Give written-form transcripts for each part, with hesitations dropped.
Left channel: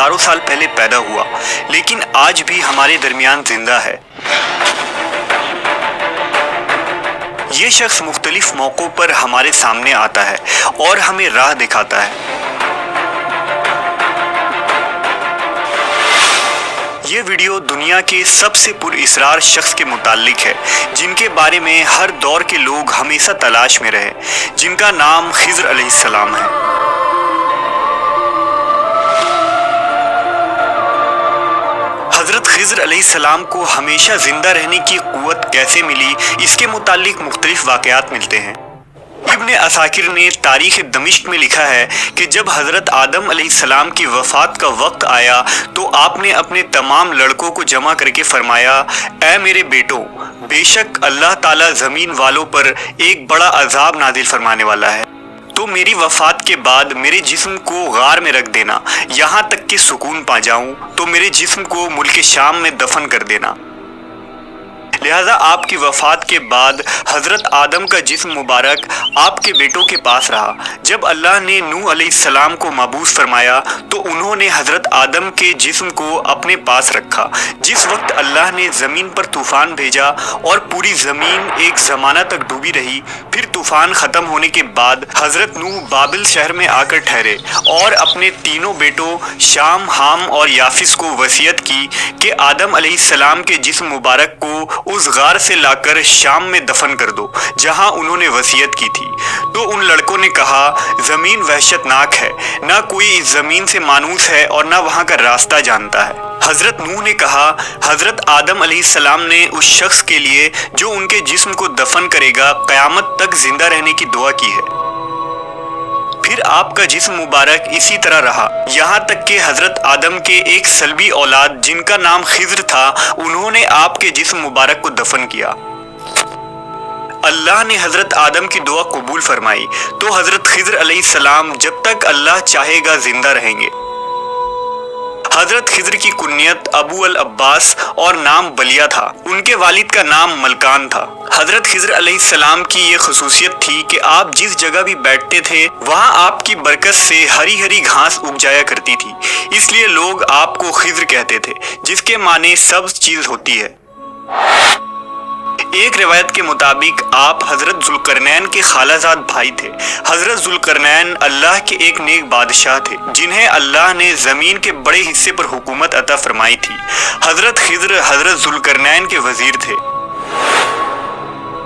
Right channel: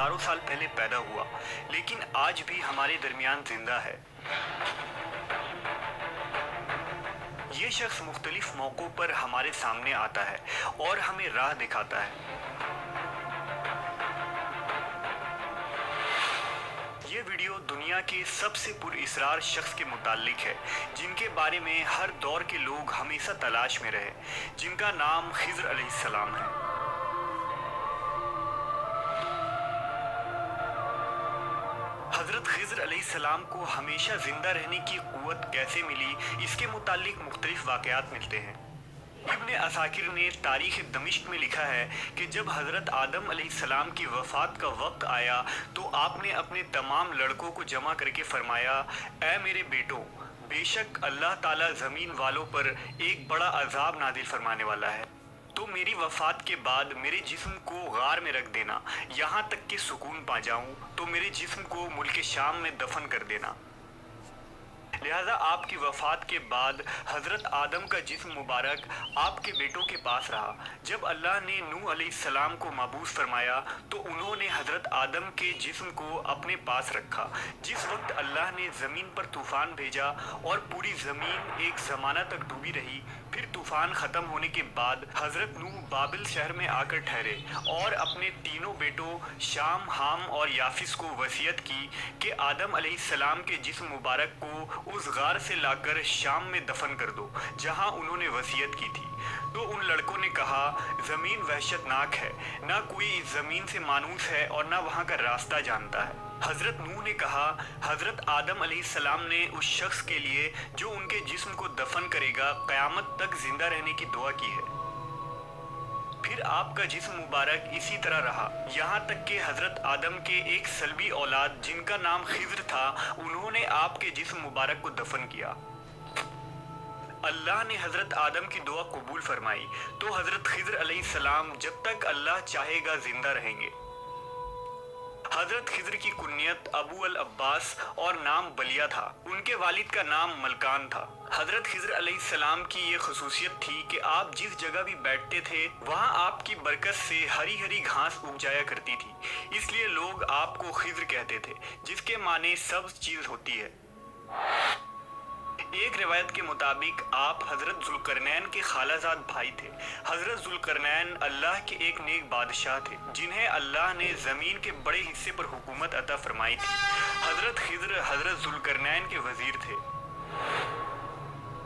हजारों साल पहले पैदा हुआ, लेकिन आज भी हमारे दरमियान जिंदा है। ये शख्स मुख्तलिफ मौक़ों पर हमारे सामने आता है और हमें राह दिखाता है। ये वीडियो दुनिया के सबसे पुरअसरार शख्स के मुताल्लिक है, जिनके बारे में हर दौर के लोग हमेशा तलाश में रहे, जिनका नाम खिज़र अलैहिस्सलाम है। हज़रत खिज़र अलैहिस्सलाम को हमेशा जिंदा रहने की क़ुव्वत कैसे मिली, इसके मुताल्लिक मुख्तलिफ वाक़यात मिलते हैं। इब्न असाकिर ने तारीख़ दमिश्क में लिखा है कि जब हज़रत आदम अलैहिस्सलाम की वफ़ात का वक्त आया तो आपने अपने तमाम लड़कों को जमा करके फरमाया, ऐ मेरे बेटों, बेशक अल्लाह ताला ज़मीन वालों पर एक बड़ा अज़ाब नाज़िल फरमाने वाला है, तो मेरी वफ़ात के बाद मेरे जिस्म को गार में रख देना, यहाँ तक कि सुकून पा जाऊँ तो मेरे जिस्म को मुल्क शाम में दफन कर देना। लिहाजा आपकी वफ़ात के बाद हज़रत आदम का जिस्म मुबारक आपके बेटों के पास रहा। जब अल्लाह ने नूह अलैहिस्सलाम को मबूस फरमाया तो उन्होंने हज़रत आदम के जिस्म को अपने पास रखा। जिस वक्त अल्लाह ने ज़मीन पर तूफ़ान भेजा और पूरी ज़मीन एक ज़माना तक डूबी रही, फिर तूफ़ान ख़त्म होने के बाद हज़रत नूह बाबिल शहर में आकर ठहरे और अपने तीनों बेटों शाम, हाम और याफिस को वसीयत की कि आदम अलैहिस्सलाम के जिस्म मुबारक को उस गार से लाकर शाम में दफन कर दो जहां उन्होंने वसीयत की थी। तो उन लड़कों ने कहा, ज़मीन वहशतनाक है, ना कोई इस ज़मीन से मानूस है और ना वहां का रास्ता जानता है। हज़रत नूह ने कहा, हज़रत आदम अलैहिस्सलाम ने उस शख्स के लिए जो उनके जिस्म को दफन करेगा क़यामत तक जिंदा रहने की दुआ की है। फिर आपका जिस्म मुबारक इसी तरह रहा, यहाँ तक कि हज़रत आदम के एक सल्बी औलाद जिनका नाम खिज़र था, उन्होंने आपके जिस्म मुबारक को दफन किया। अल्लाह ने हज़रत आदम की दुआ कबूल फरमाई तो हज़रत खिज़र अलैहिस्सलाम जब तक अल्लाह चाहेगा जिंदा रहेंगे। हज़रत खिज़र की कुन्यत अबू अल अब्बास और नाम बलिया था। उनके वालिद का नाम मलकान था। हज़रत खिज़र अलैहिस्सलाम की ये खसूसियत थी कि आप जिस जगह भी बैठते थे वहाँ आपकी बरकत से हरी हरी घास उग जाया करती थी, इसलिए लोग आपको खिज़र कहते थे, जिसके माने सब्ज़ चीज़ होती है। एक रिवायत के मुताबिक आप हज़रत ज़ुल्करनैन के खालाजाद भाई थे। हज़रत ज़ुल्करनैन अल्लाह के एक नेक बादशाह थे, जिन्हें अल्लाह ने ज़मीन के बड़े हिस्से पर हुकूमत अता फरमाई थी। हज़रत खिज़र हज़रत ज़ुल्करनैन के वज़ीर थे।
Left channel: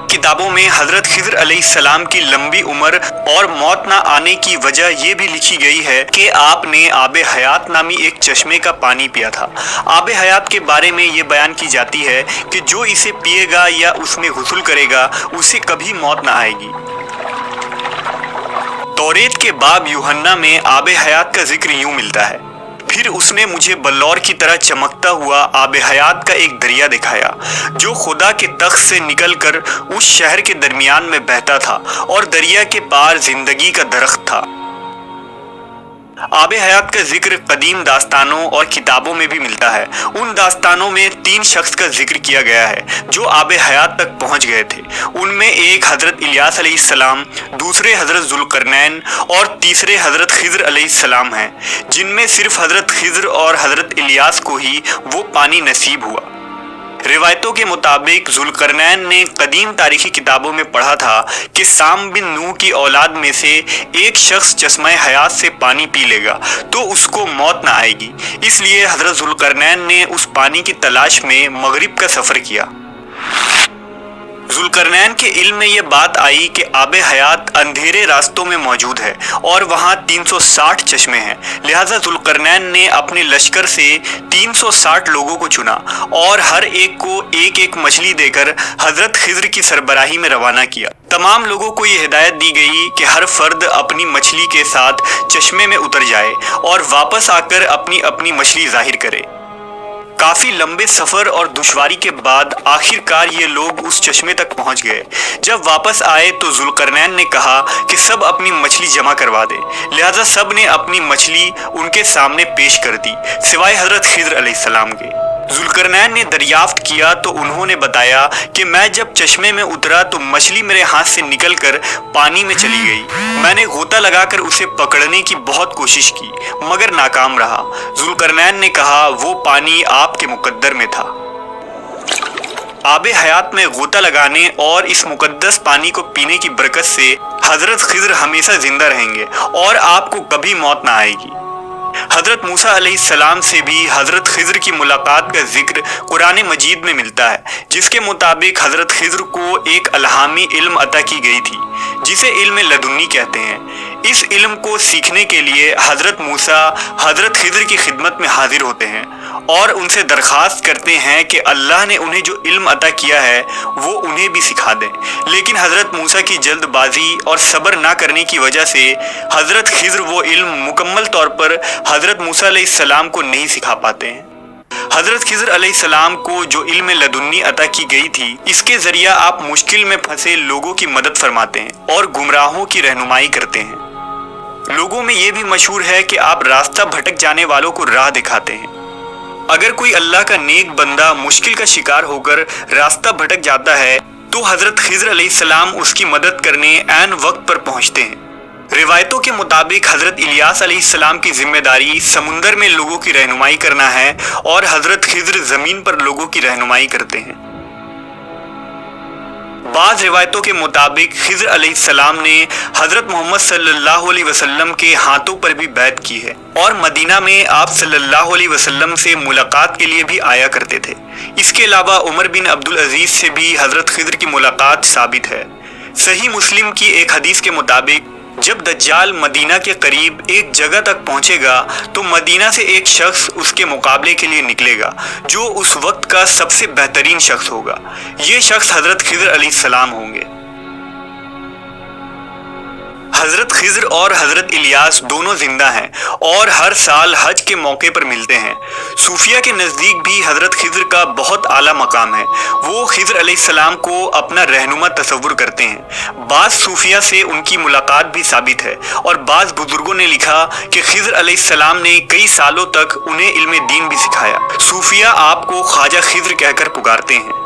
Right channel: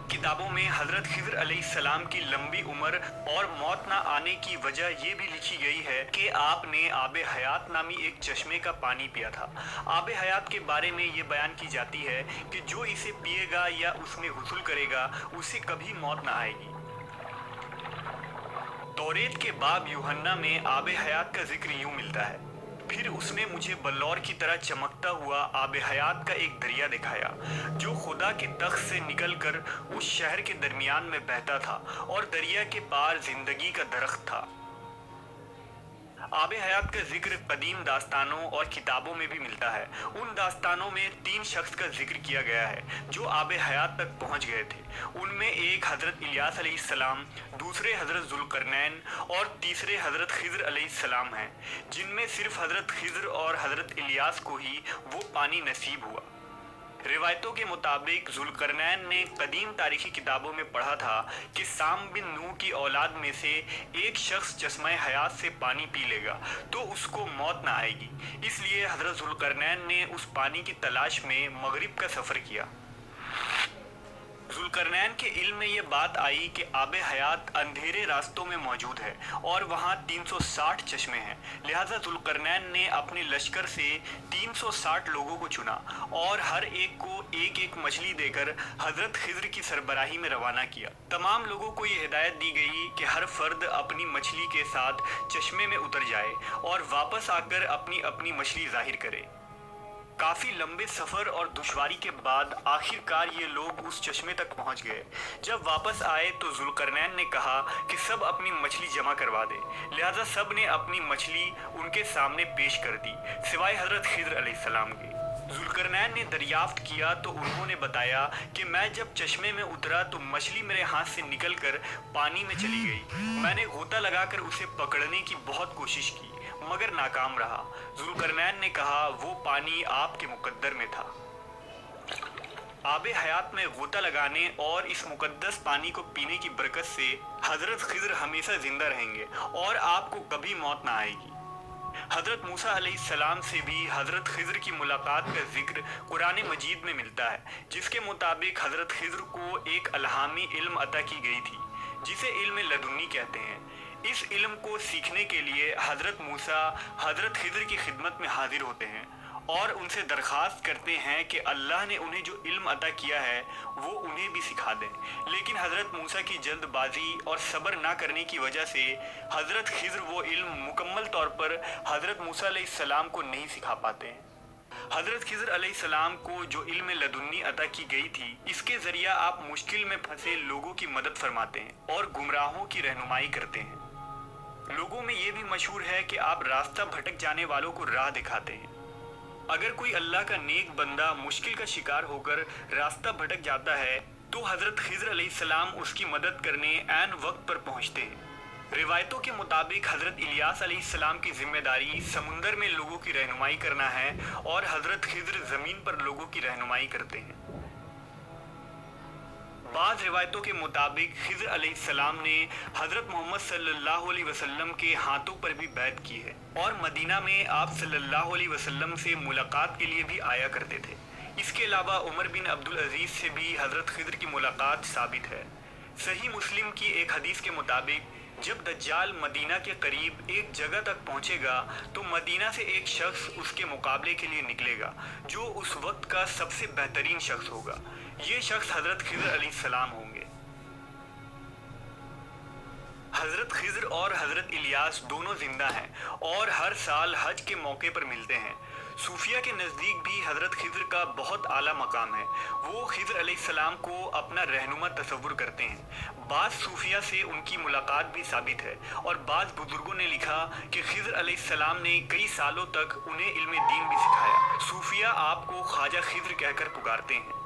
किताबों में हज़रत खिज़र अलैहिस्सलाम की लंबी उम्र और मौत ना आने की वजह ये भी लिखी गई है कि आपने आब हयात नामी एक चश्मे का पानी पिया था। आब हयात के बारे में ये बयान की जाती है कि जो इसे पिएगा या उसमें गुस्ल करेगा उसे कभी मौत ना आएगी। तौरेत के बाब यूहन्ना में आब हयात का जिक्र यूं मिलता है, फिर उसने मुझे बल्लौर की तरह चमकता हुआ आब हयात का एक दरिया दिखाया जो खुदा के तख्त से निकलकर उस शहर के दरमियान में बहता था और दरिया के पार जिंदगी का दरख्त था। आब हयात का जिक्र कदीम दास्तानों और किताबों में भी मिलता है। उन दास्तानों में 3 शख्स का जिक्र किया गया है जो आब हयात तक पहुंच गए थे। उनमें एक हज़रत इलियास अलैहिस्सलाम, दूसरे हज़रत ज़ुल्करनैन और तीसरे हज़रत खिज़र अलैहिस्सलाम हैं, जिनमें सिर्फ हज़रत खिज़र और हज़रत इलियास को ही वो पानी नसीब हुआ। रिवायतों के मुताबिक ज़ुल्करनैन ने कदीम तारीखी किताबों में पढ़ा था कि साम बिन नूह की औलाद में से एक शख्स चश्मे हयात से पानी पी लेगा तो उसको मौत ना आएगी, इसलिए हज़रत ज़ुल्करनैन ने उस पानी की तलाश में मगरिब का सफ़र किया। ज़ुल्करनैन के इल्म में ये बात आई कि आब हयात अंधेरे रास्तों में मौजूद है और वहाँ 360 चश्मे हैं। लिहाजा ज़ुल्करनैन ने अपने लश्कर से 360 लोगों को चुना और हर एक को एक एक मछली देकर हज़रत खिज़र की सरबराही में रवाना किया। तमाम लोगों को ये हिदायत दी गई कि हर फर्द अपनी मछली के साथ चश्मे में उतर जाए और वापस आकर अपनी अपनी मछली जाहिर करे। काफ़ी लंबे सफ़र और दुश्वारी के बाद आखिरकार ये लोग उस चश्मे तक पहुंच गए। जब वापस आए तो ज़ुल्करनैन ने कहा कि सब अपनी मछली जमा करवा दे। लिहाजा सब ने अपनी मछली उनके सामने पेश कर दी, सिवाय हज़रत खिज़र अलैहिस्सलाम के। ज़ुल्करनैन ने दरियाफ्त किया तो उन्होंने बताया कि मैं जब चश्मे में उतरा तो मछली मेरे हाथ से निकलकर पानी में चली गई। मैंने गोता लगाकर उसे पकड़ने की बहुत कोशिश की मगर नाकाम रहा। ज़ुल्करनैन ने कहा, वो पानी आपके मुकद्दर में था। आबे हयात में गोता लगाने और इस मुकद्दस पानी को पीने की बरकत से हजरत खिज़र हमेशा जिंदा रहेंगे और आपको कभी मौत ना आएगी। हजरत मूसा अलैहिस्सलाम से भी हजरत खिज़र की मुलाकात का जिक्र कुरान मजीद में मिलता है, जिसके मुताबिक हजरत खिज़र को एक अलहामी इल्म अता की गई थी जिसे इल्म लदुन्नी कहते हैं। इस इल्म को सीखने के लिए हजरत मूसा हजरत खिज़र की खिदमत में हाजिर होते हैं और उनसे दरख्वास्त करते हैं कि अल्लाह ने उन्हें जो इल्म अता किया है वो उन्हें भी सिखा दें। लेकिन हज़रत मूसा की जल्दबाजी और सब्र ना करने की वजह से हज़रत खिज़र वो इल्म मुकम्मल तौर पर हज़रत मूसा अलैहिस्सलाम को नहीं सिखा पाते हैं। हज़रत खिज़र अलैहिस्सलाम को जो इल्म लदुन्नी अता की गई थी, इसके ज़रिया आप मुश्किल में फंसे लोगों की मदद फरमाते हैं और गुमराहों की रहनुमाई करते हैं। लोगों में ये भी मशहूर है कि आप रास्ता भटक जाने वालों को राह दिखाते हैं। अगर कोई अल्लाह का नेक बंदा मुश्किल का शिकार होकर रास्ता भटक जाता है तो हज़रत खिज़र अलैहिस्सलाम उसकी मदद करने ऐन वक्त पर पहुंचते हैं। रिवायतों के मुताबिक हज़रत इलियास अलैहिस्सलाम की जिम्मेदारी समुंदर में लोगों की रहनुमाई करना है और हज़रत खिज़र ज़मीन पर लोगों की रहनुमाई करते हैं। बाज़ रिवायतों के मुताबिक खिज़र अलैहिस्सलाम ने हज़रत मोहम्मद सल्लल्लाहु अलैहि वसल्लम के हाथों पर भी बैत की है और मदीना में आप सल्लल्लाहु अलैहि वसल्लम से मुलाकात के लिए भी आया करते थे। इसके अलावा उमर बिन अब्दुल अजीज़ से भी हज़रत खिज़र की मुलाकात साबित है। सही मुस्लिम की एक हदीस के मुताबिक जब दज्जाल मदीना के करीब एक जगह तक पहुंचेगा तो मदीना से एक शख्स उसके मुकाबले के लिए निकलेगा जो उस वक्त का सबसे बेहतरीन शख्स होगा। ये शख्स हज़रत खिज़र अलैहिस्सलाम होंगे। हज़रत खिज़र और हज़रत इलियास दोनों जिंदा हैं और हर साल हज के मौके पर मिलते हैं। सूफिया के नज़दीक भी हज़रत खिज़र का बहुत आला मकाम है। वो खिज़र अलैहिस्सलाम को अपना रहनुमा तसव्वुर करते हैं। बाज़ सूफिया से उनकी मुलाकात भी साबित है और बाज़ बुजुर्गों ने लिखा कि खिज़र अलैहिस्सलाम ने कई सालों तक उन्हें इल्म दीन भी सिखाया। सूफिया आपको ख्वाजा खिज़र कहकर पुकारते हैं।